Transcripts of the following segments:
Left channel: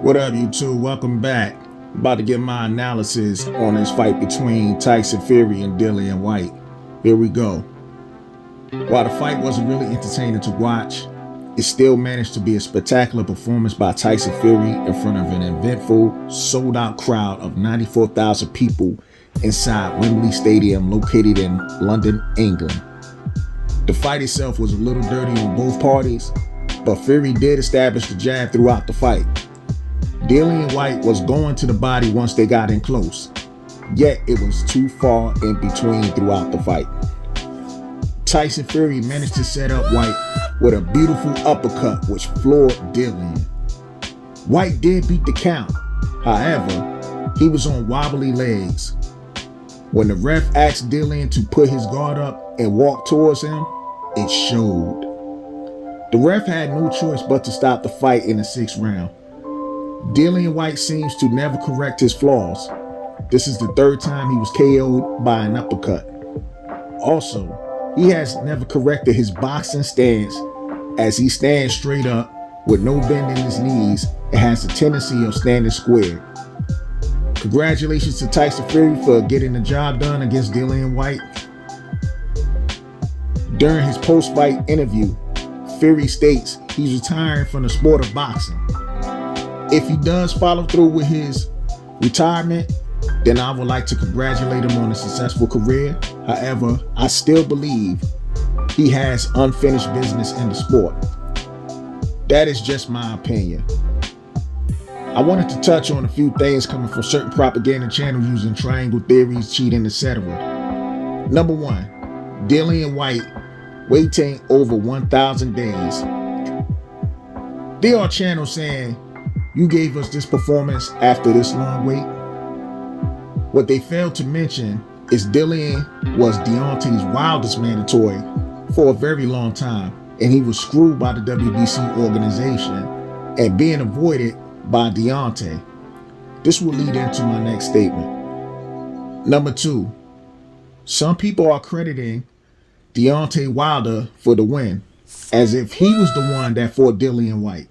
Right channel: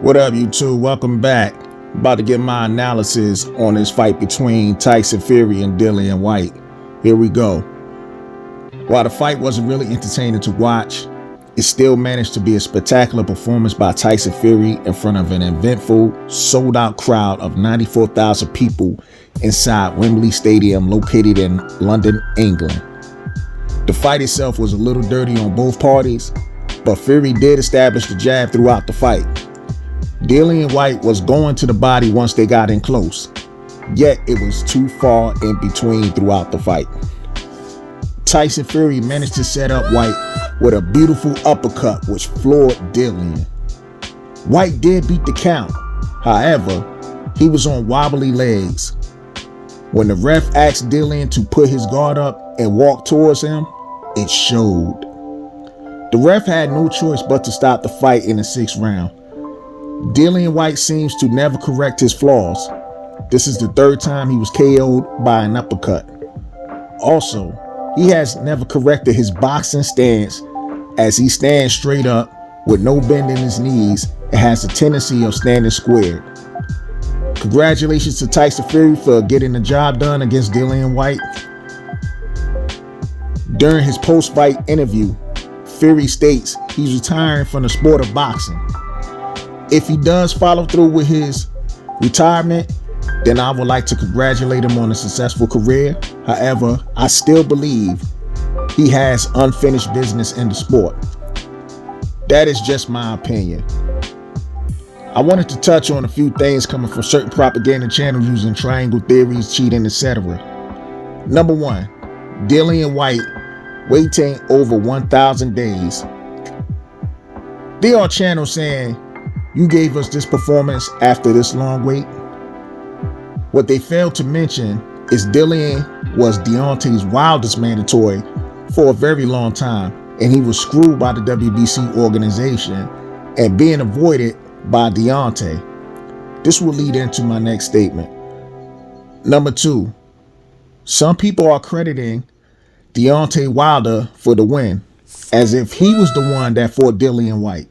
What up, YouTube? Welcome back. About to get my analysis on this fight between Tyson Fury and Dillian Whyte. Here we go. While the fight wasn't really entertaining to watch, it still managed to be a spectacular performance by Tyson Fury in front of an eventful, sold-out crowd of 94,000 people inside Wembley Stadium located in London, England. The fight itself was a little dirty on both parties, but Fury did establish the jab throughout the fight. Dillian Whyte was going to the body once they got in close, yet it was too far in between throughout the fight. Tyson Fury managed to set up Whyte with a beautiful uppercut which floored Dillian. Whyte did beat the count, however, he was on wobbly legs. When the ref asked Dillian to put his guard up and walk towards him, it showed. The ref had no choice but to stop the fight in the 6th round. Dillian Whyte seems to never correct his flaws. This is the 3rd time he was KO'd by an uppercut. Also, he has never corrected his boxing stance, as he stands straight up with no bend in his knees and has a tendency of standing square. Congratulations to Tyson Fury for getting the job done against Dillian Whyte. During his post-fight interview, Fury states he's retiring from the sport of boxing. If he does follow through with his retirement, then I would like to congratulate him on a successful career. However, I still believe he has unfinished business in the sport. That is just my opinion. I wanted to touch on a few things coming from certain propaganda channels using triangle theories, cheating, etc. Number 1, Dillian Whyte waiting over 1,000 days. There are channels saying, "You gave us this performance after this long wait." What they failed to mention is Dillian was Deontay's wildest mandatory for a very long time, and he was screwed by the WBC organization and being avoided by Deontay. This will lead into my next statement. Number 2, some people are crediting Deontay Wilder for the win, as if he was the one that fought Dillian Whyte.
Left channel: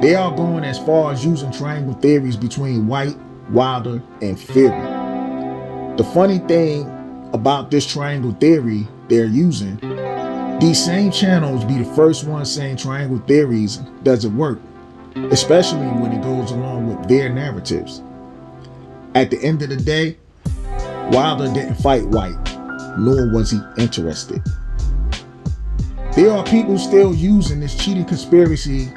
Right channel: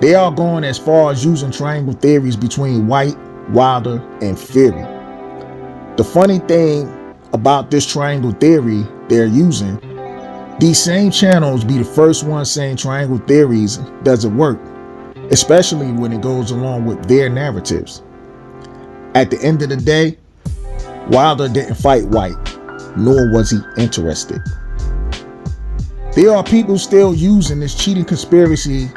They are going as far as using triangle theories between Whyte, Wilder, and Fury. The funny thing about this triangle theory they're using, these same channels be the first ones saying triangle theories doesn't work, especially when it goes along with their narratives. At the end of the day, Wilder didn't fight Whyte, nor was he interested. There are people still using this cheating conspiracy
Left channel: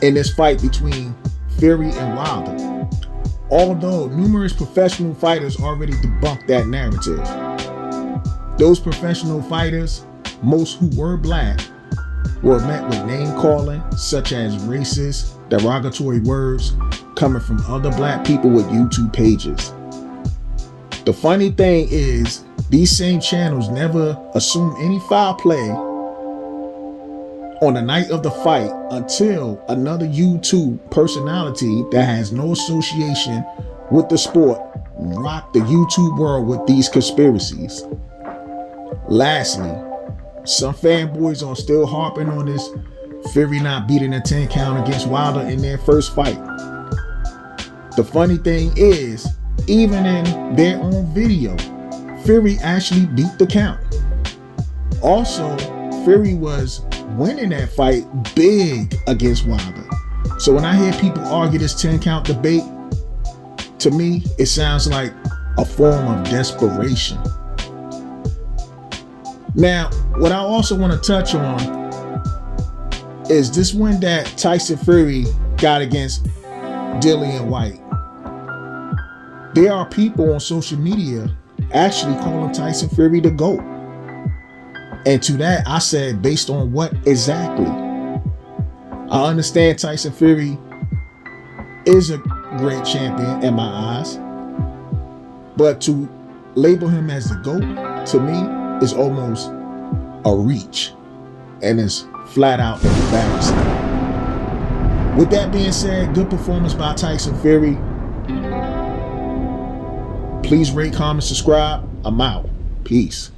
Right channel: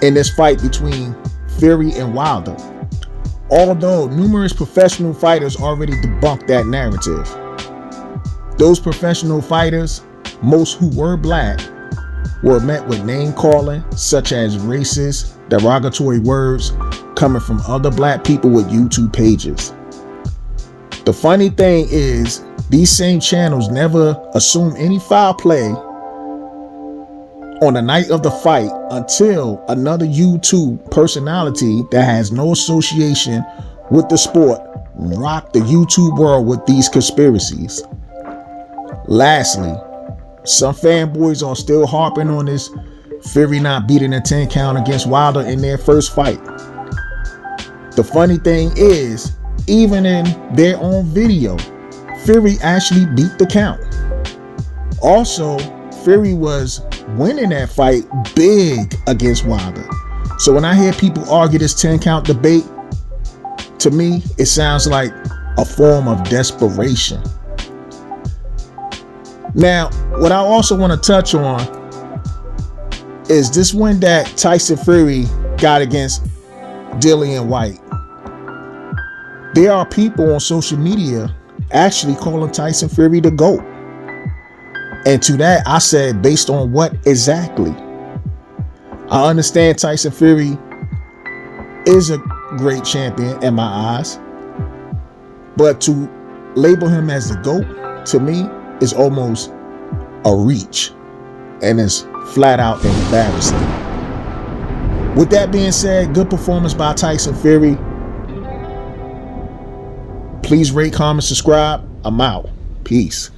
in this fight between Fury and Wilder, although numerous professional fighters already debunked that narrative. Those professional fighters, most who were black, were met with name calling such as racist, derogatory words coming from other black people with YouTube pages. The funny thing is, these same channels never assume any foul play on the night of the fight until another YouTube personality that has no association with the sport rocked the YouTube world with these conspiracies. Lastly, some fanboys are still harping on this Fury not beating a 10 count against Wilder in their first fight. The funny thing is, even in their own video, Fury actually beat the count. Also, Fury was winning that fight big against Wilder. So when I hear people argue this 10 count debate, to me, it sounds like a form of desperation. Now, what I also want to touch on is this win that Tyson Fury got against Dillian Whyte. There are people on social media actually calling Tyson Fury the GOAT. And to that, I said, based on what exactly? I understand Tyson Fury is a great champion in my eyes, but to label him as the GOAT, to me, is almost a reach, and it's flat out embarrassing. With that being said, good performance by Tyson Fury. Please rate, comment, subscribe. I'm out. Peace.